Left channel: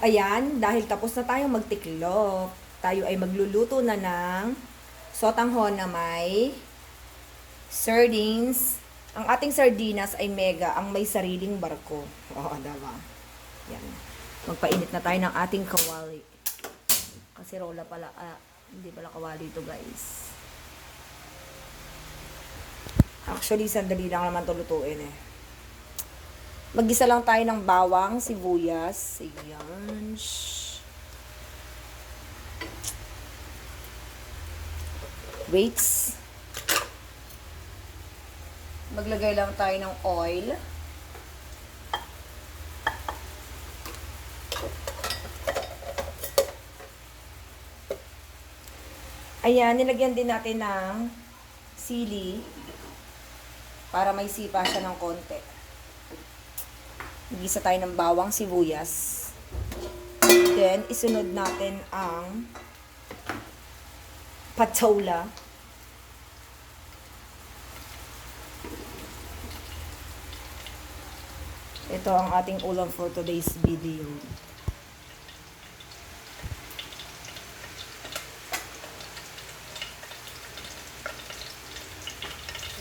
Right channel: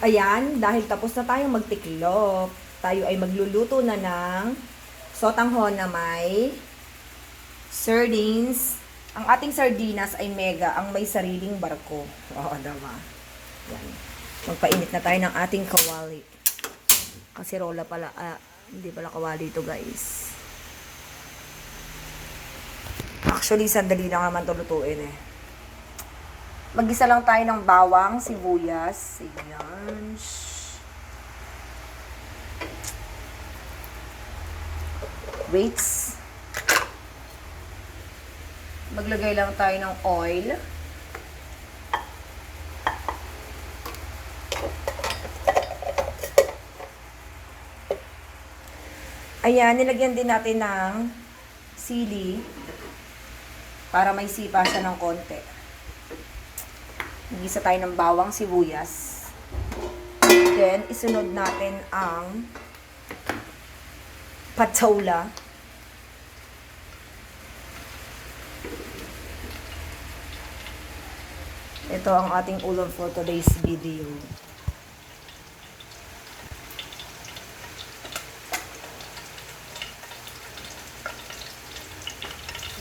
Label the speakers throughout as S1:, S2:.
S1: Ayan, dahil tapos na tayong magtiklop, tayo ay magluluto na ng sotanghon na may sardines. Ang ating sardinas ay mega, ang may sariling barko. Oo, diba? Yan. Magpainit na tayo ng ating kawali. Kasi rola pala, ah, hindi pala kawali ito guys. Actually, sandali lang naman ito lutuin eh. Magisa lang tayo ng bawang, sibuyas. Ayan. Waits. Maglagay lang tayo ng oil. Ayan, nilagyan din natin ng sili para may sipa siya ng konti. Gisa tayo ng bawang sibuyas. Then, isunod natin ang patola. Ito ang ating ulam for today's video.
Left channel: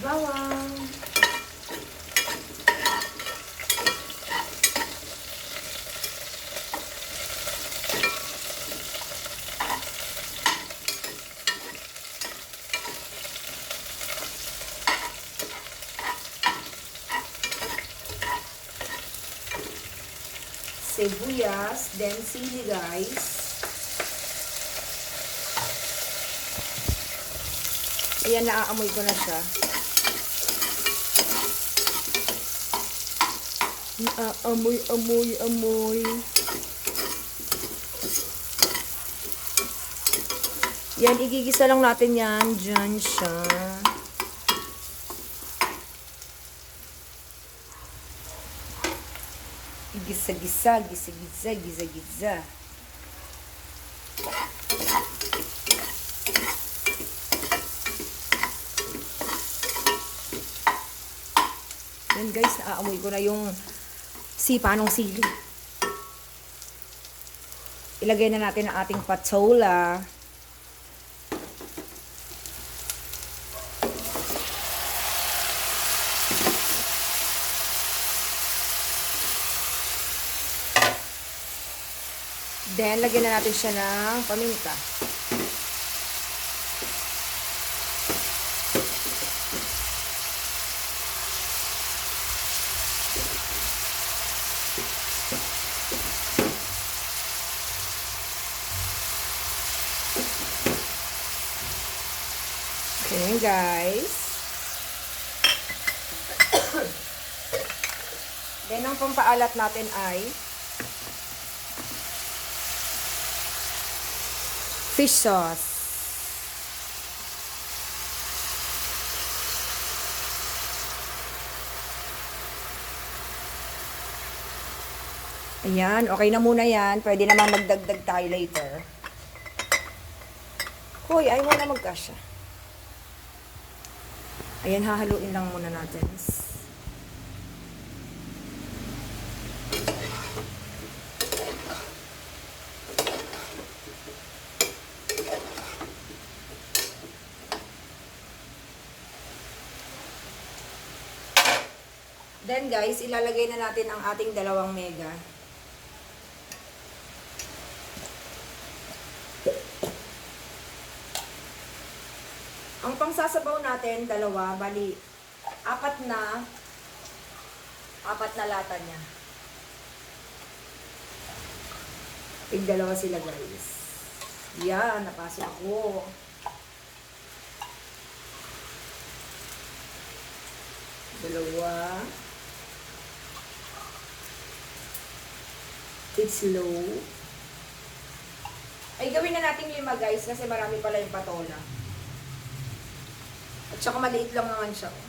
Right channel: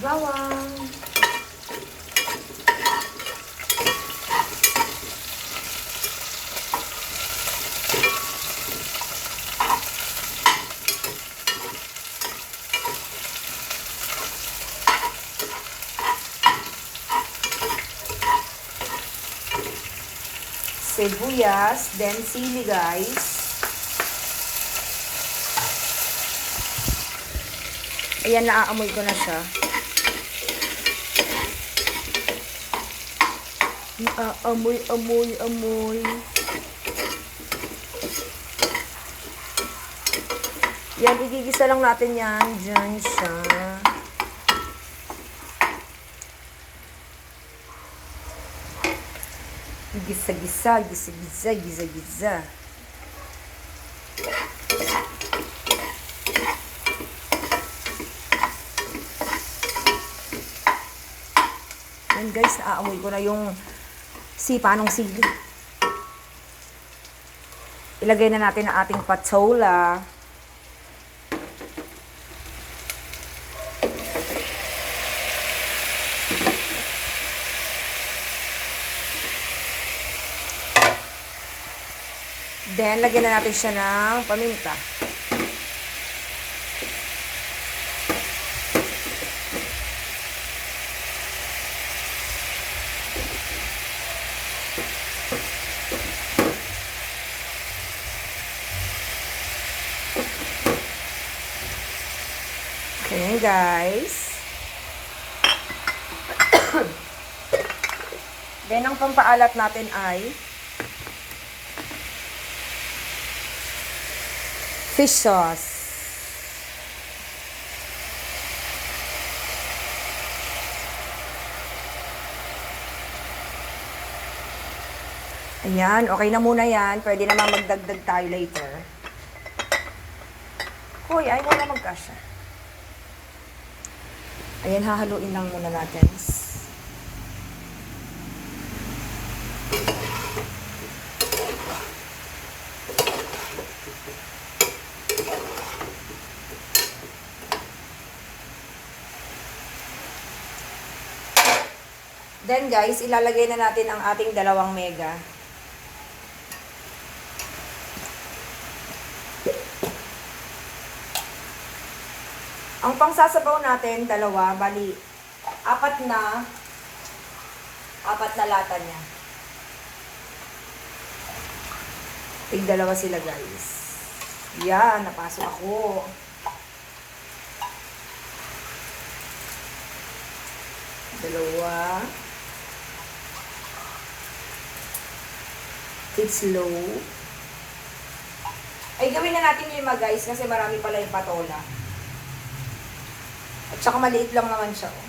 S1: Yawan! Sibuyas, then sili guys. Ayan, naaamoy ko na siya. Naaamoy, amoy, amoy. Yan, igigisa lang natin yan. Diyan siya. Gisa-gisa, gisa-gisa, gisa-gisa. Yan guys, naaamoy ko na yung sipa ng sili. Ilagay na natin ang ating patola. Then, lagyan na natin siya ng paminta. Okay, guys. Then, ang pampaalat natin ay fish sauce. Ayan, okay na muna yan. Pwede naman magdagdag tayo later. Hoy, ay mo na magkasya. Ayan, hahaluin lang muna natin. Then guys, ilalagay na natin ang ating dalawang mega. Ang pangsasabaw natin, dalawa, bali, apat na, apat na lata niya. Tig dalawa sila guys. Yan, napasok ako. Dalawa. It's low. Ay, gawin na natin lima guys kasi marami pala yung patola. At saka maliit lang naman siya. Oh.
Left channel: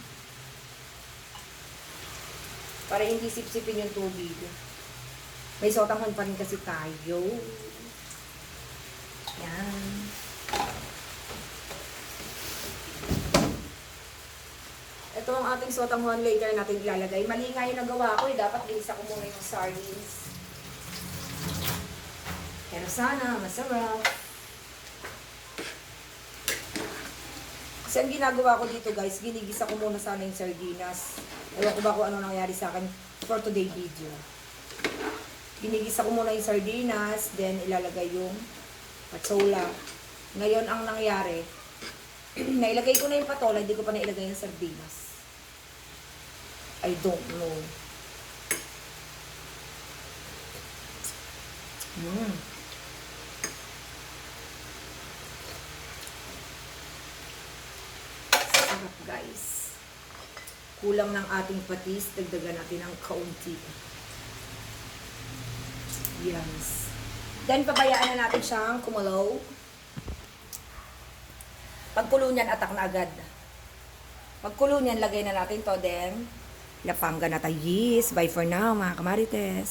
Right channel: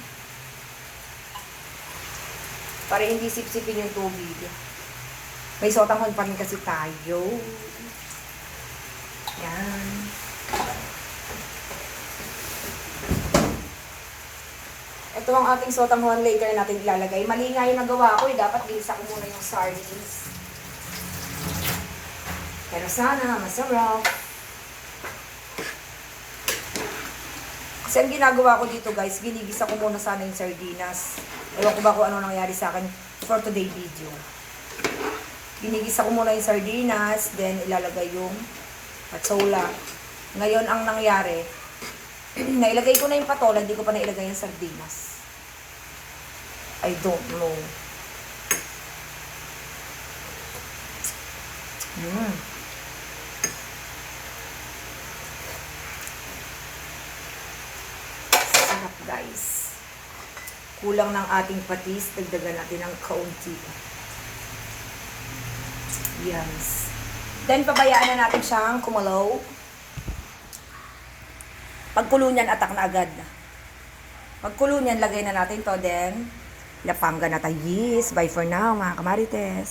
S1: Para hindi sipsipin yung tubig. May sotanghon pa rin kasi tayo. Yan. Ito ang ating sotanghon later na natin ilalagay. Mali nga yung nagawa ko eh. Dapat ginisa ko muna yung sardines. Pero sana, masarap. Kasi ang ginagawa ko dito guys, ginigisa ko muna sana yung sardinas. Ewan ko ba kung ano nangyari sa akin for today video. Ginigisa ko muna yung sardinas, then ilalagay yung patsola. Ngayon ang nangyari, nailagay ko na yung patola, hindi ko pa nailagay yung sardinas. I don't know. Mm. Sarap guys. Kulang ng ating patis, dagdagan natin ng kaunti. Yes. Then pabayaan na natin siyang kumulaw. Pagkulo niyan, atak na agad. Pagkulo niyan, lagay na natin to. Then, lapangga na tayo. Yes, bye for now mga kamarites.